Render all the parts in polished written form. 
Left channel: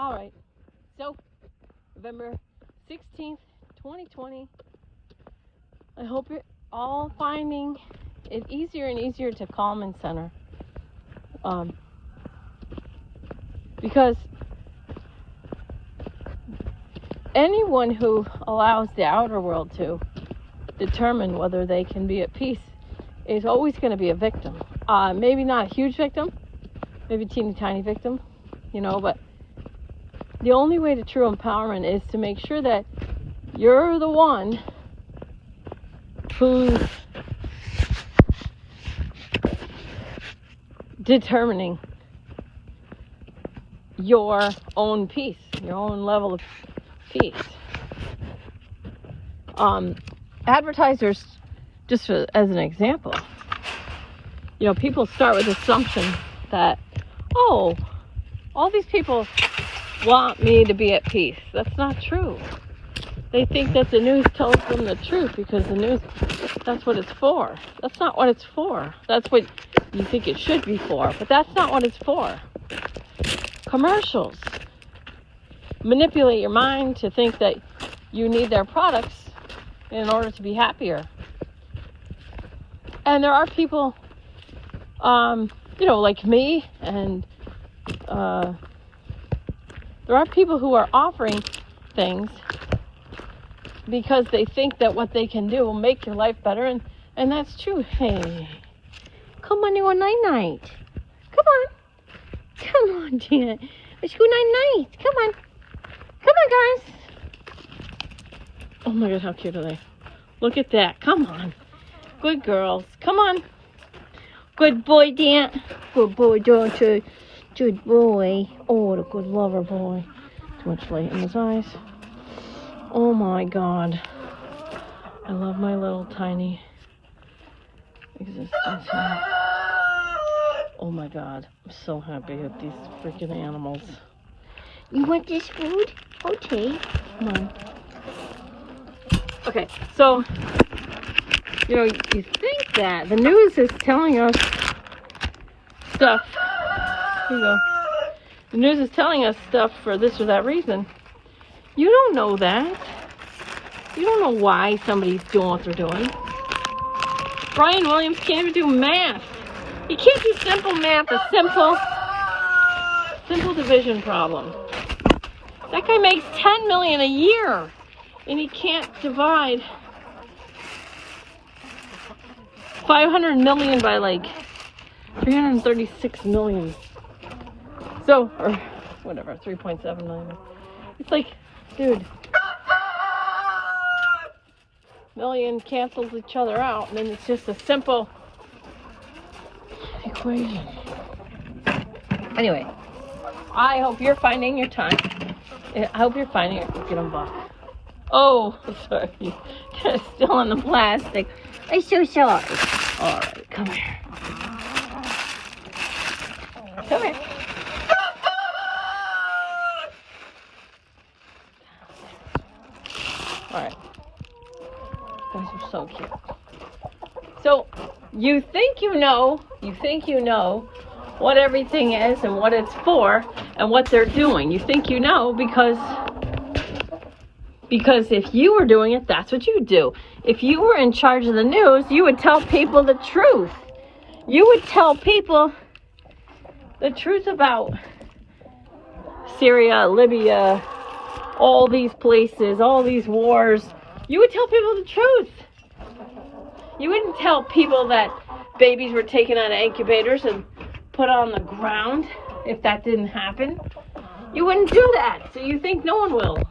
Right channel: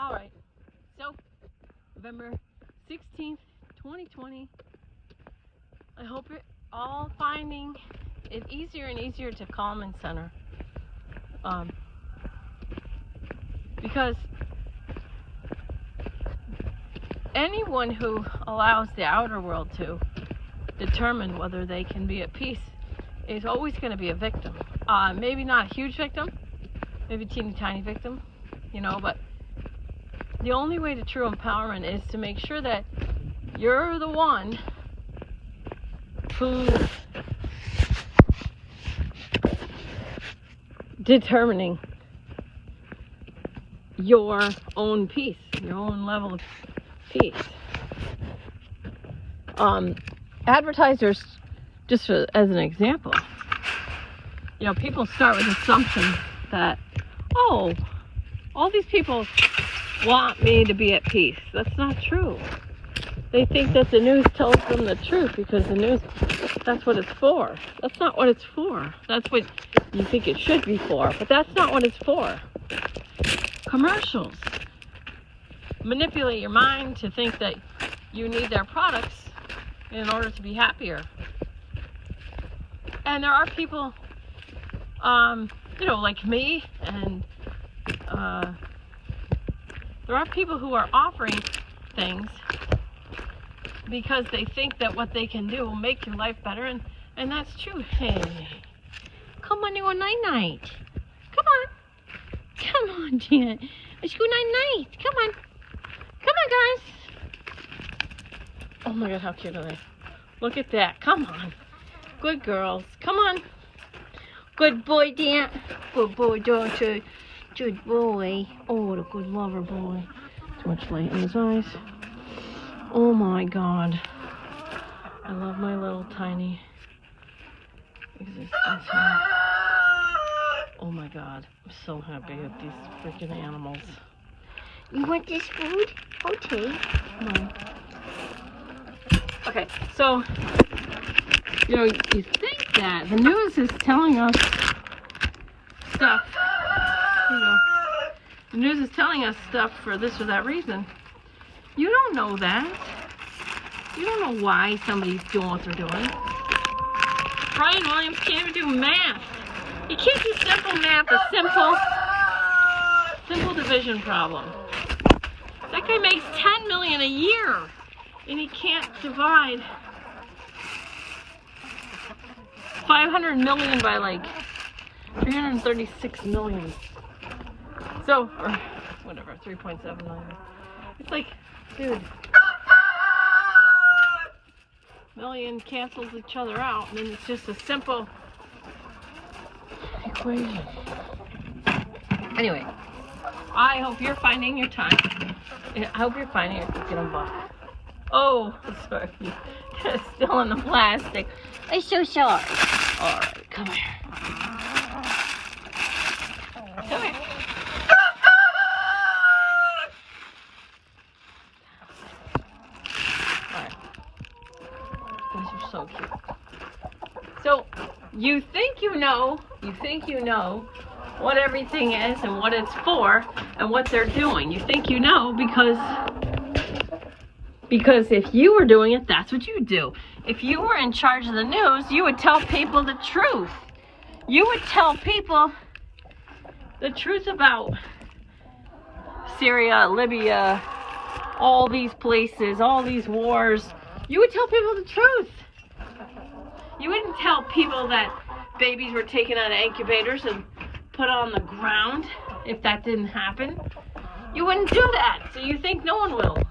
All right. So, November 16th, 2020. I hope you're all finding it easier and easier to calm and center. Because anyone who allows the outer world to determine whether they can be at peace is always going to be a victim. Maybe not a huge victim, maybe a teeny tiny victim, but the only way to true empowerment is to make sure that you're the one who's determining your own peace, your own level of peace. Advertisers, just as an example, people start with the assumption that, all these people want me to be at peace. That's not true. They think that the news tells them the truth because the news, that's what it's for. That's not what it's for. That's what you think it should be for, but that's not what it's for. Commercials manipulate your mind to think that you need their products in order to be happier. And there are people, like me, and there are people who are offering things because they think that what they can do will make your life better, and that's true. Hey, come on, you a night-night. Come on, Janet. Let's go night-night. Come on, guys. Oh my God, how cute are they? Look at that. Come on. Good girls. Come on. Good boy, Dan. Good boy, George. Good boy. Oh, the good lover boy. Too much light in his eyes. Oh my God. I love my little tiny existence here. Oh my God. I'm so happy with these freaking animals. You want this food? Okay. Come on. Okay, so, you think that the news is telling us stuff. Here you go. The news is telling us stuff for this or that reason. You don't know that. You don't know why somebody's doing what they're doing. Brian Williams can't even do math. He can't do simple math, a simple division problem. That guy makes $10 million a year, and he can't divide 500 million by 336 million. So, or whatever, 3.7 million. It's like, dude, million cancels each other out, and then it's just a simple equation. Anyway, I hope you're finding your time. And I hope you're finding your cooking buck. Oh, sorry. They're still in the plastic. I'm so sorry. All right, come here. Come here. All right. You guys are so cute. So, you think you know what everything is and what it's for and what they're doing. You think you know because if you were doing it, that's what you would do. If you were in charge of the news, you would tell people the truth. You would tell people the truth about Syria, Libya, all these places, all these wars. You would tell people the truth. You wouldn't tell people that babies were taken out of incubators and put on the ground if that didn't happen. You wouldn't do that, so you think no one will.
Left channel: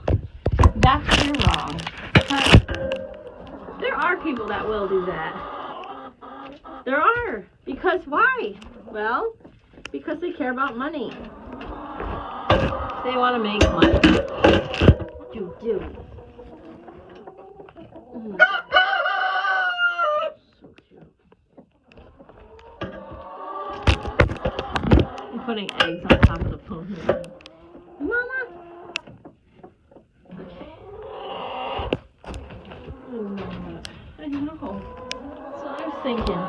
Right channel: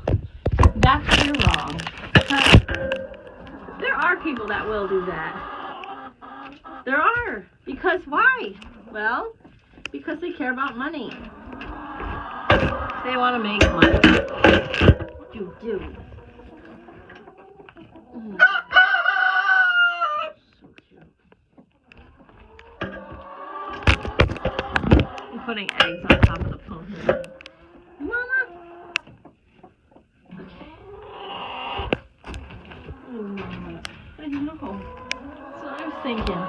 That's where you're wrong. There are people that will do that. There are. Because why? Well, because they care about money. They want to make money. Do. Mm. Putting eggs on top of the phone here. Mama? Okay. I don't know. So I was thinking.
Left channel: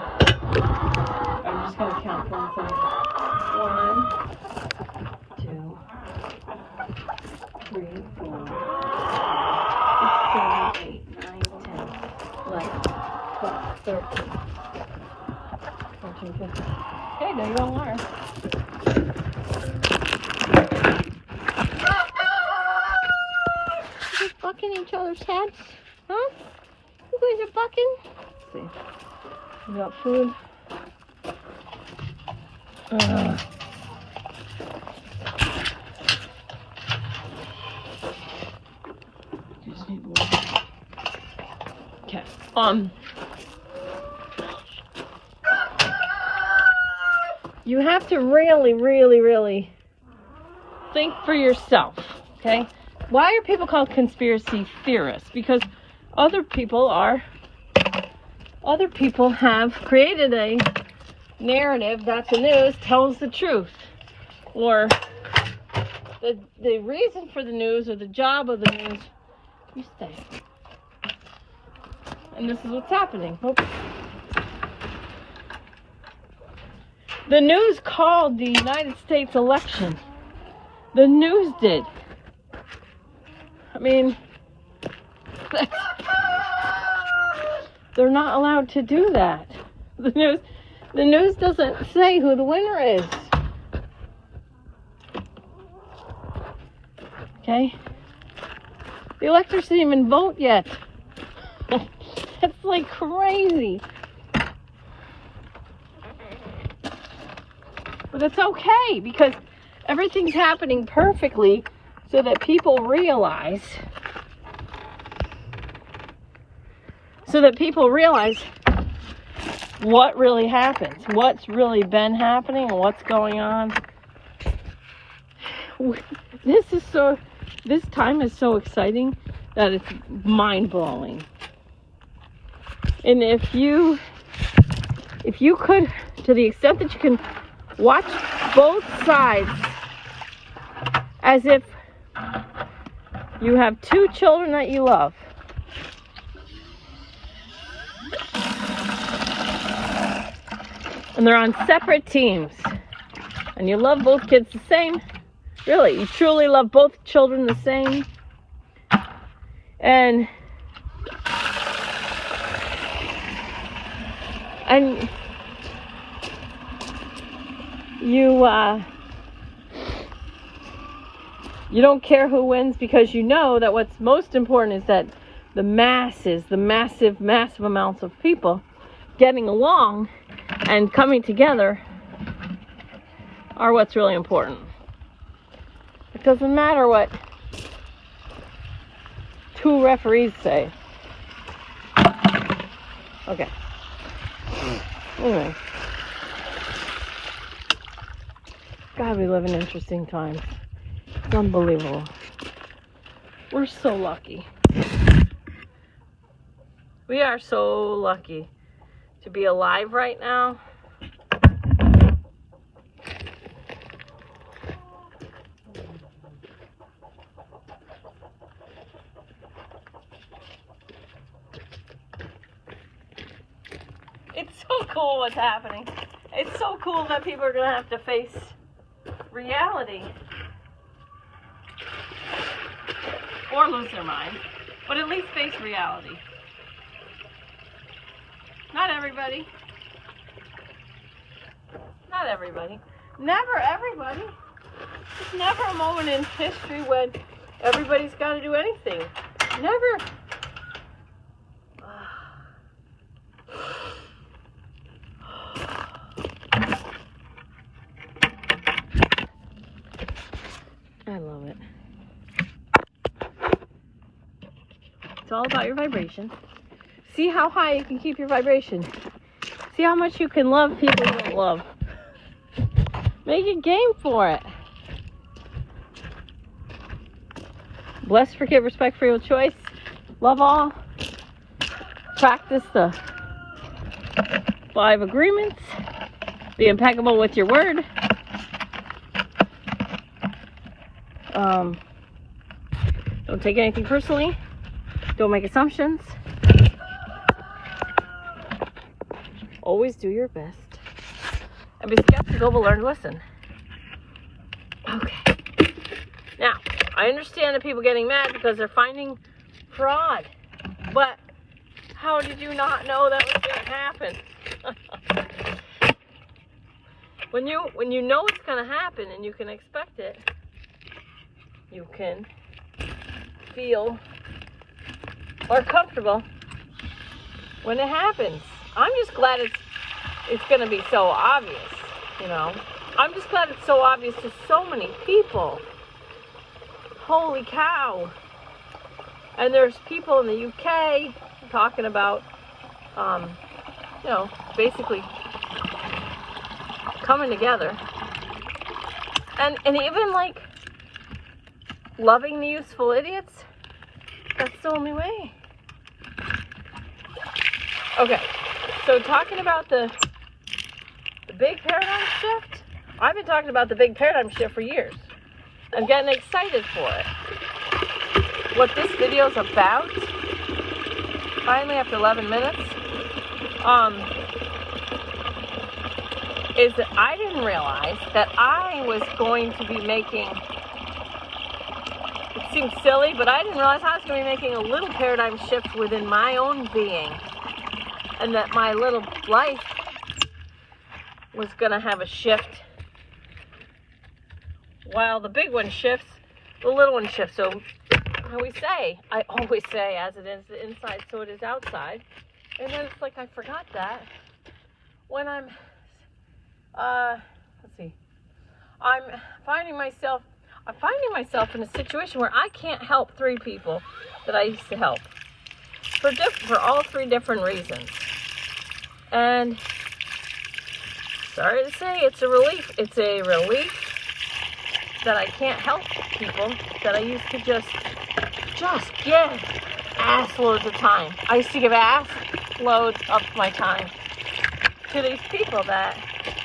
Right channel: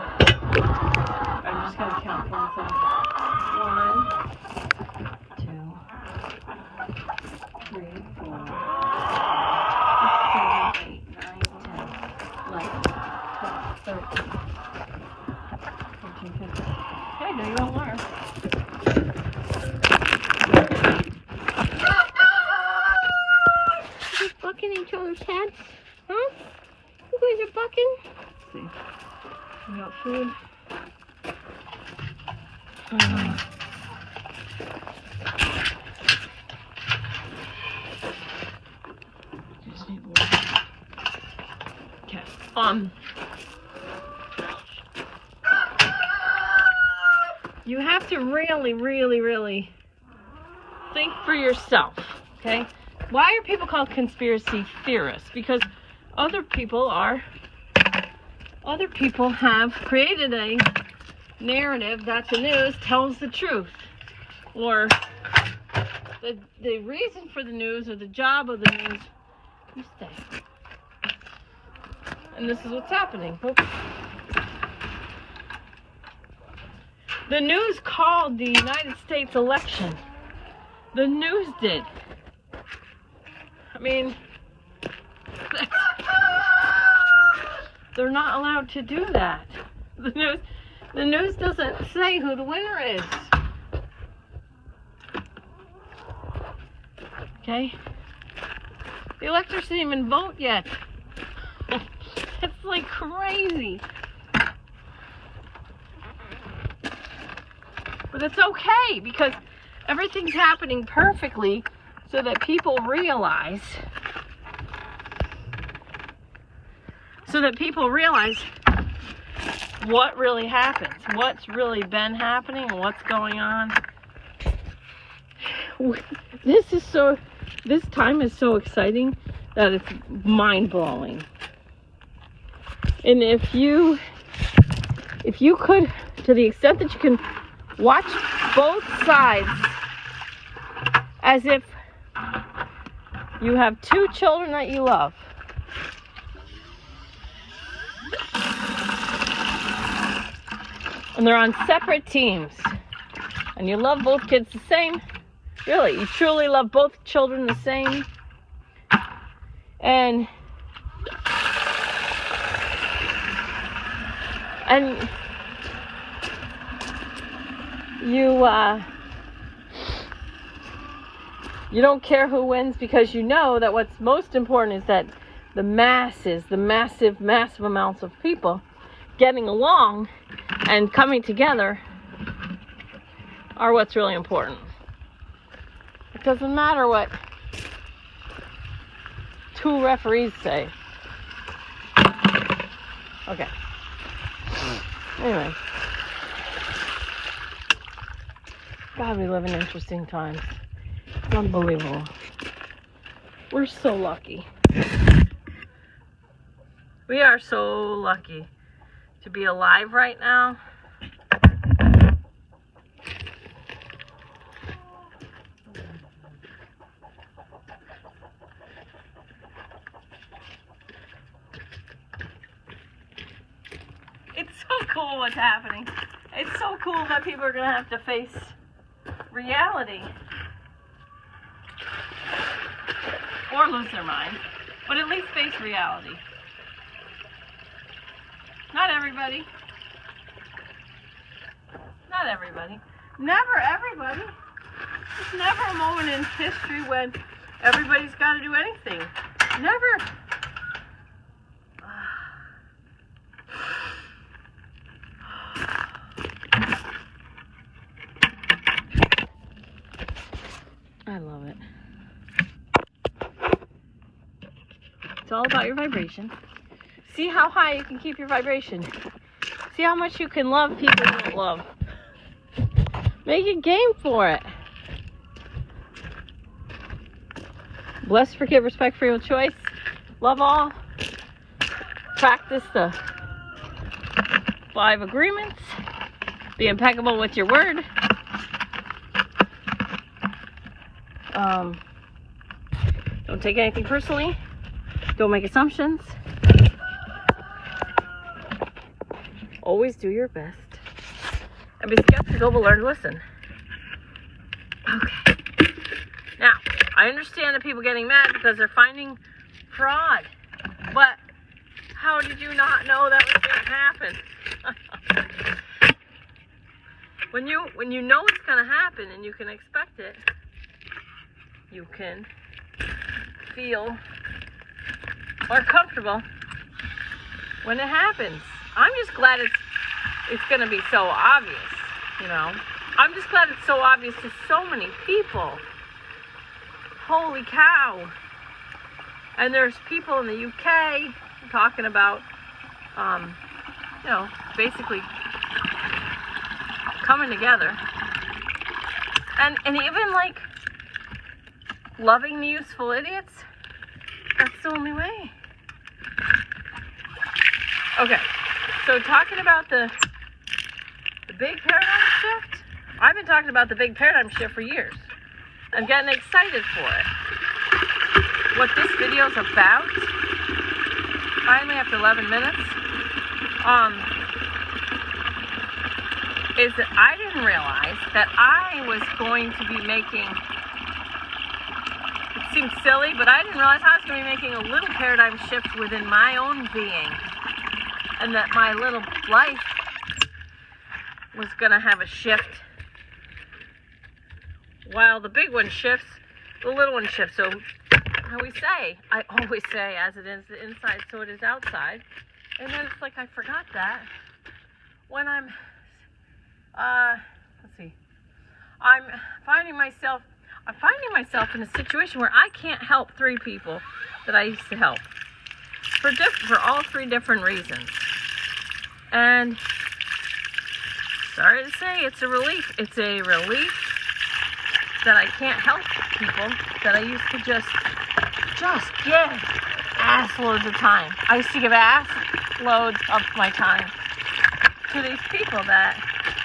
I'm just going to count one thing. 1, 2, 3, 4, 6, 7, 8, 9, 10, 11, 12, 13, 14, 15. Okay, there you go, Laura. You're just bucking each other's heads? Huh? You guys are bucking? Let's see. We got food. Just need water. Okay. You have to really think for yourself, okay? Why are people called conspiracy theorists? Because other people have created a narrative that the news tells the truth, or the reason for the news or the job of the news. You stay. And this is what's happening. Oops. The news called the United States election. The news did. I mean, they're not allowed to do that. The news doesn't say who the winner is. Okay? The electors didn't even vote yet. It's like crazy. But it's okay because everything's happening perfectly so that people realize what really happens, what's really been happening, and what's going on. This time is so exciting that it's mind-blowing. And if you could, to the extent that you can, watch both sides as if you have two children that you love. And they're on separate teams. And you love both kids the same. Really, you truly love both children the same. And you don't care who wins because you know that what's most important is that the massive amounts of people getting along and coming together are what's really important. It doesn't matter what two referees say. Okay. Anyway. God, we live in interesting times. It's unbelievable. We're so lucky. We are so lucky to be alive right now. It's so cool what's happening. It's so cool that people are going to have to face reality. Or lose their mind. But at least face reality. Not everybody. Not everybody. Never everybody. There's never a moment in history when everybody's got to do anything. Never. I love it. It's all about your vibration. See how high you can keep your vibration. See how much you can love people you don't love. Make a game for it. Bless, forgive, respect, free will, choice. Love all. Practice the 5 agreements. Be impeccable with your word. Don't take anything personally. Don't make assumptions. Always do your best. And be skeptical, but learn to listen. Okay. Now, I understand the people getting mad because they're finding fraud. But how did you not know that was going to happen? When you know it's going to happen and you can expect it, you can feel more comfortable when it happens. I'm just glad it's going to be so obvious, you know. I'm just glad it's so obvious to so many people. Holy cow. And there's people in the UK talking about, you know, basically coming together. And even like loving the useful idiots. That's the only way. Okay, so talking about the big paradigm shift, I've been talking about the big paradigm shift for years. I'm getting excited for it. What this video is about, finally after 11 minutes, is that I didn't realize that I was going to be making, it seems silly, but I didn't realize I was going to be making a little paradigm shift within my own being. And that my little life was going to have a shift. While the big one shifts, the little one shifts. So, how we say, I always say, as it is inside, so it is outside. And then it's like I forgot that. When I'm, let's see, I'm finding myself in a situation where I can't help 3 people that I used to help. For all 3 different reasons. And sorry to say, it's a relief. It's a relief that I can't help people that I used to just give ass loads of time. I used to give ass loads of my time to these people that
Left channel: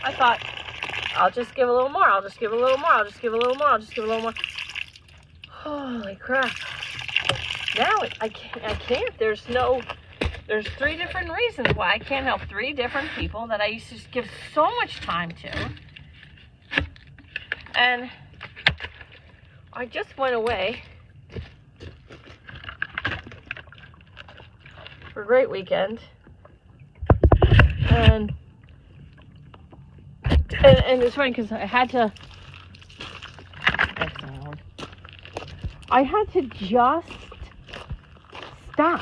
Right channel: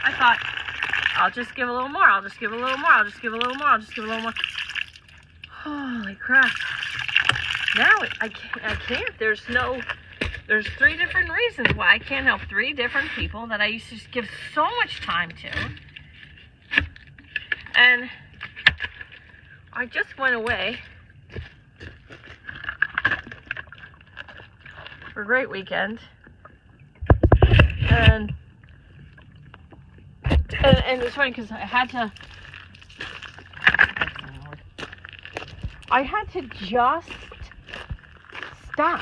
I thought, I'll just give a little more, I'll just give a little more, I'll just give a little more, I'll just give a little more. Holy crap. Now I can't. There's 3 different reasons why I can't help 3 different people that I used to give so much time to. And I just went away for a great weekend. And it's funny because I had to just stop.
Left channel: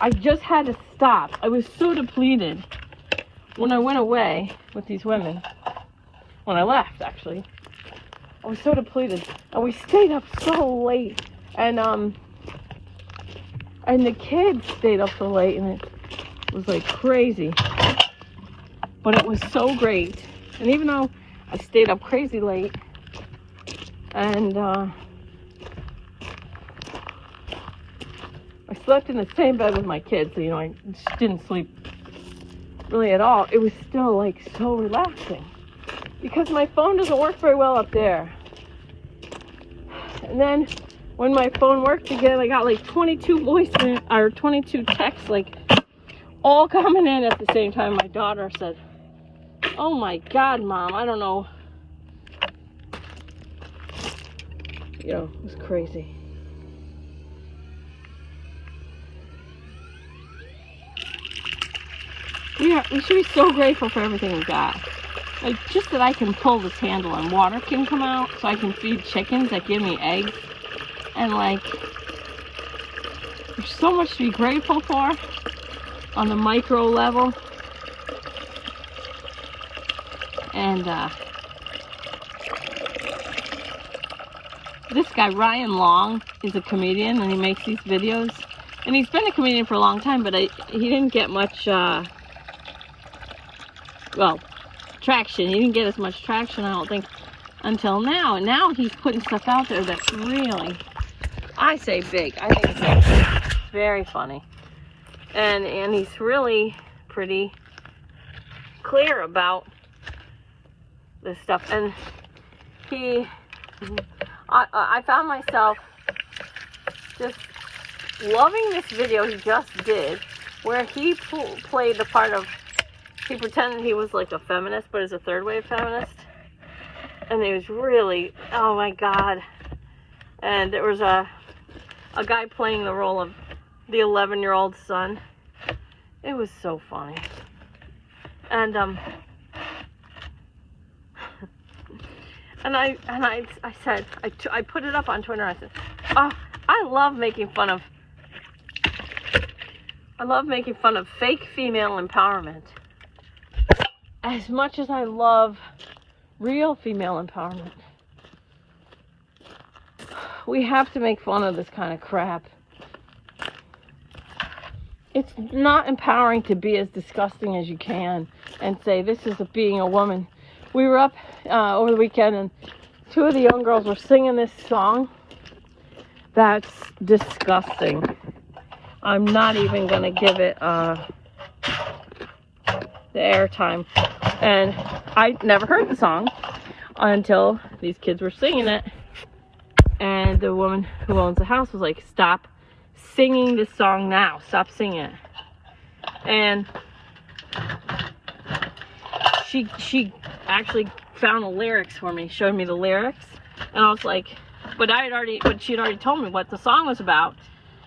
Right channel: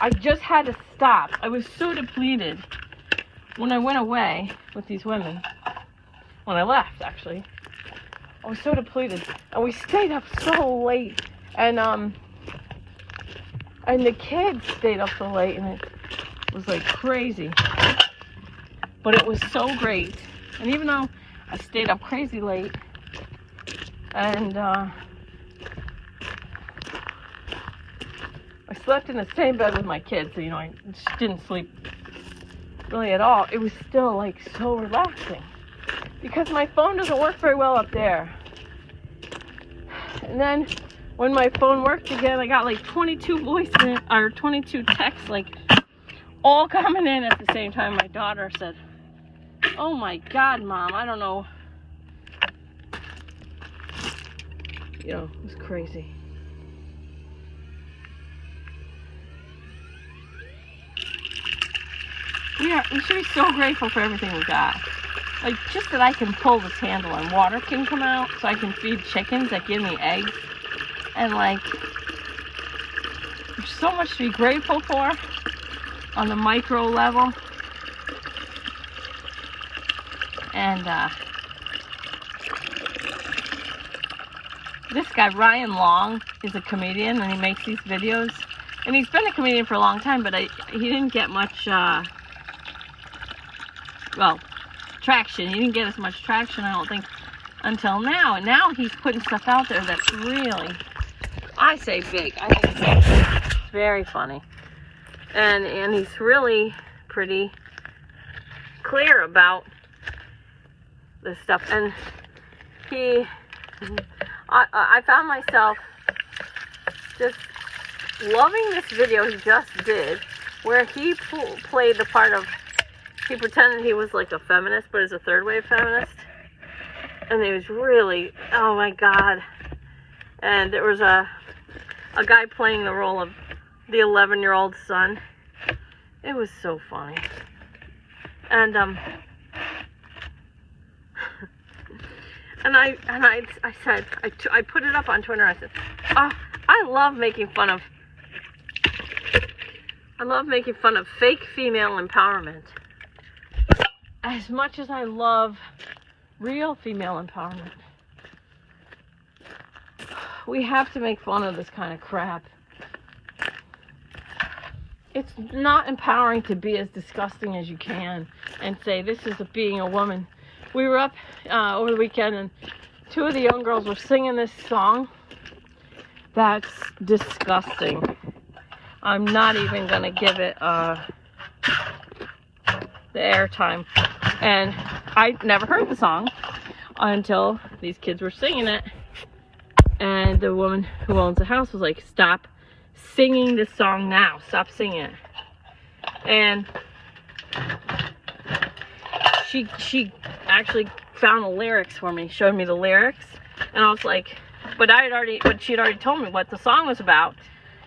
I just had to stop. I was so depleted when I went away with these women. When I left, actually. I was so depleted. And we stayed up so late. And the kids stayed up so late. And it was like crazy. But it was so great. And even though I stayed up crazy late. And I slept in the same bed with my kids, so, you know, I just didn't sleep really at all. It was still, like, so relaxing. Because my phone doesn't work very well up there. And then, when my phone worked again, I got, like, 22 or 22 texts, like, all coming in at the same time. My daughter said, "Oh, my God, Mom, I don't know." You know, it was crazy. Yeah, we should be so grateful for everything we got. Like, just that I can pull this handle and water can come out so I can feed chickens that give me eggs. And, like, there's so much to be grateful for on the micro level. And, this guy, Ryan Long, is a comedian and he makes these videos. And he's been a comedian for a long time, but he didn't get much, traction. He didn't get as much traction, I don't think, until now. And now he's putting stuff out there that's really, I say big. I think it's very funny. And he's really pretty clear about this stuff. And I found myself just loving this video he just did, where he played the part of, he pretended he was like a feminist, but is a third wave feminist. And it was really, oh my God. and there was a guy playing the role of the 11-year-old son. It was so funny. And and I said, I put it up on Twitter. I said, oh, I love making fun of fake female empowerment as much as I love real female empowerment. We have to make fun of this kind of crap. It's not empowering to be as disgusting as you can and say, this is being a woman. We were up over the weekend, and two of the young girls were singing this song that's disgusting. I'm not even going to give it the airtime. And I never heard the song until these kids were singing it. And the woman who owns the house was like, stop singing this song now. Stop singing it. And she actually found the lyrics for me, showed me the lyrics. And I was like, but she had already told me what the song was about.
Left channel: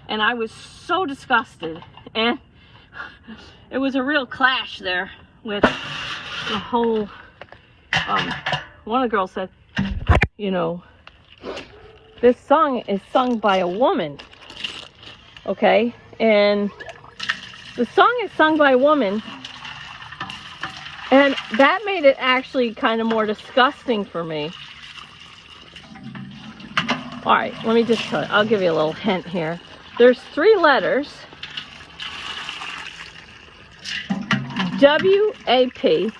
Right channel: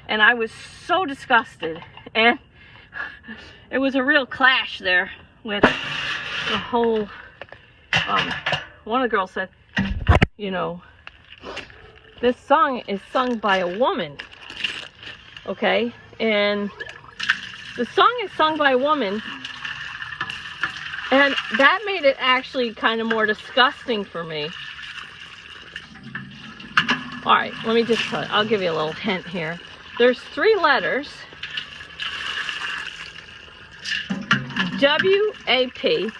And I was so disgusted. And it was a real clash there with the whole, one of the girls said, you know, this song is sung by a woman, okay? And the song is sung by a woman, and that made it actually kind of more disgusting for me. All right, let me just tell you, I'll give you a little hint here. There's 3 letters, W-A-P,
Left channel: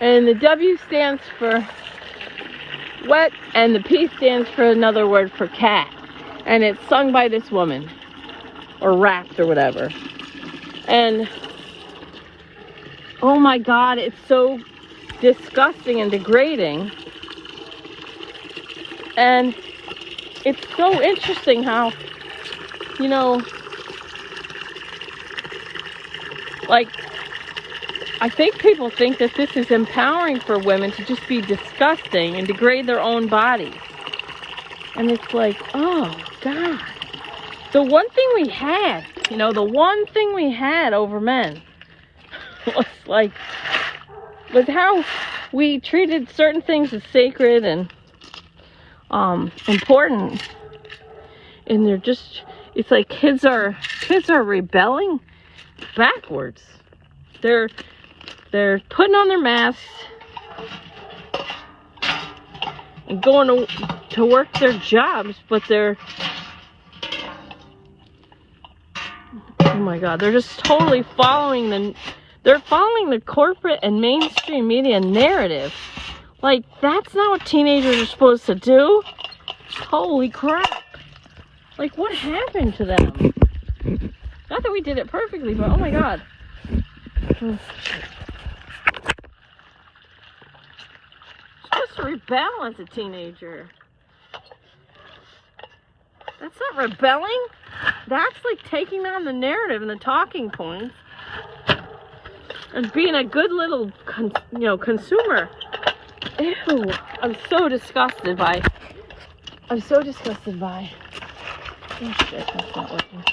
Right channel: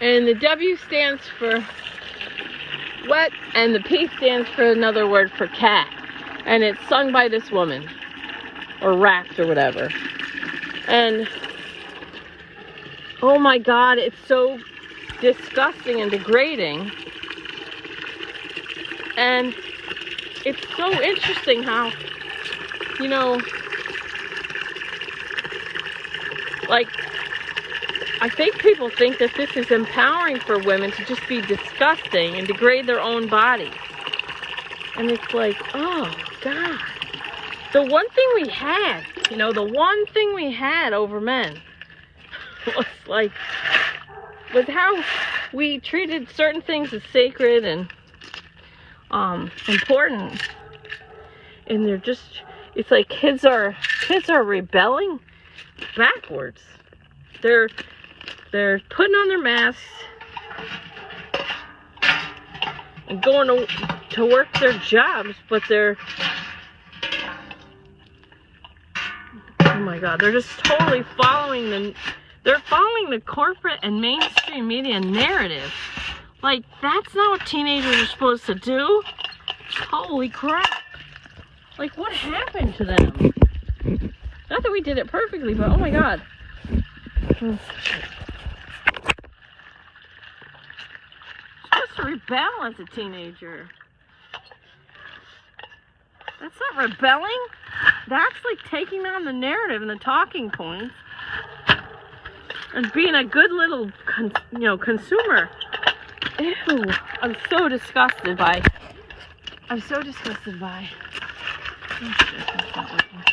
and the W stands for wet, and the P stands for another word for cat. And it's sung by this woman, or rapped, or whatever. And oh my God, it's so disgusting and degrading. And it's so interesting how, you know, like, I think people think that this is empowering for women to just be disgusting and degrade their own bodies. And it's like, oh God. The one thing we had, you know, the one thing we had over men was how we treated certain things as sacred and important. And they're just, it's like kids are rebelling backwards. They're putting on their masks and going to work their jobs, but oh my God, they're just totally following the corporate and mainstream media narrative. Like, that's not what teenagers are supposed to do. Holy crap. Like, what happened to them? Not that we did it perfectly, but oh my God. You're supposed to rebel as a teenager. That's not rebelling. That's like taking on the narrative and the talking points and being a good little, consumer. Ew, I'm so disgusted by. Oh shit, that's not working.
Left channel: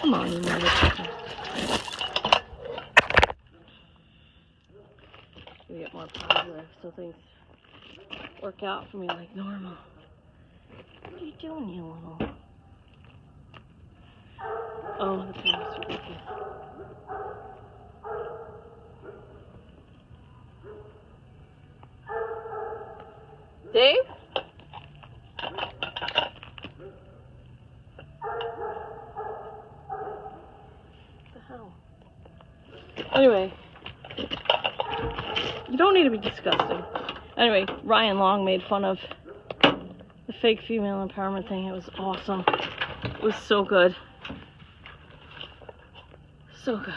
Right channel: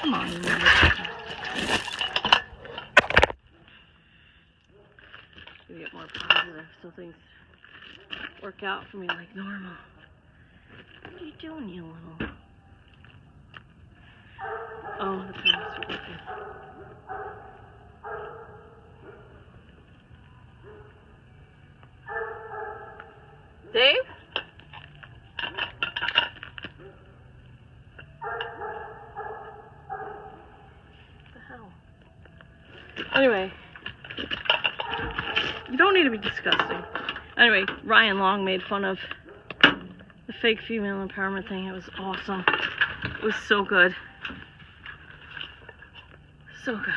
Come on, you motherfucker. We get more positive so things work out for me like normal. What are you doing, you little? Oh, the cameras are working. Dave? What the hell? Anyway, you don't need to be disgusting. Anyway, Ryan Long made fun of the fake female empowerment thing. It was awesome. It was so good. So good.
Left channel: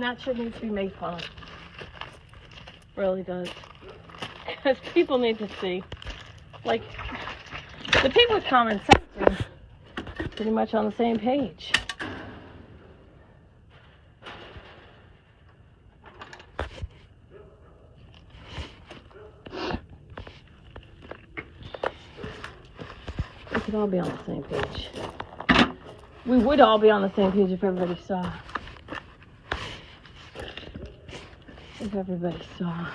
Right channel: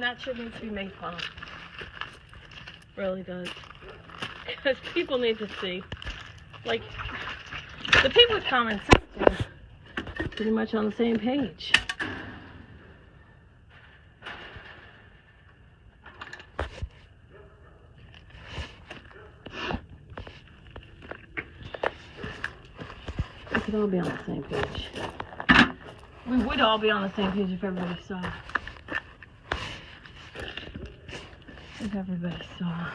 That shit needs to be made fun of. Really does. Because people need to see. Like, the people with common sense are pretty much on the same page. could all be on the same page. We would all be on the same page if everybody saw. If everybody saw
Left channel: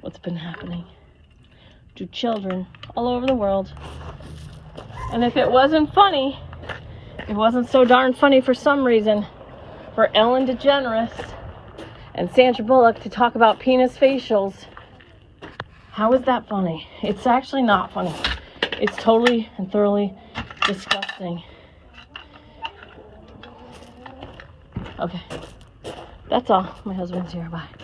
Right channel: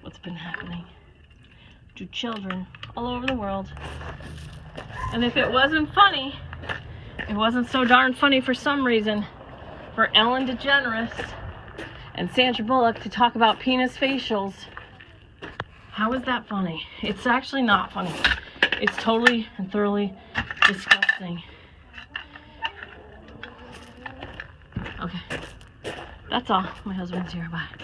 what's been happening to children all over the world. And if it wasn't funny, it wasn't so darn funny for some reason for Ellen DeGeneres and Sandra Bullock to talk about penis facials. How is that funny? It's actually not funny. It's totally and thoroughly disgusting. Okay. That's all. My husband's here. Bye.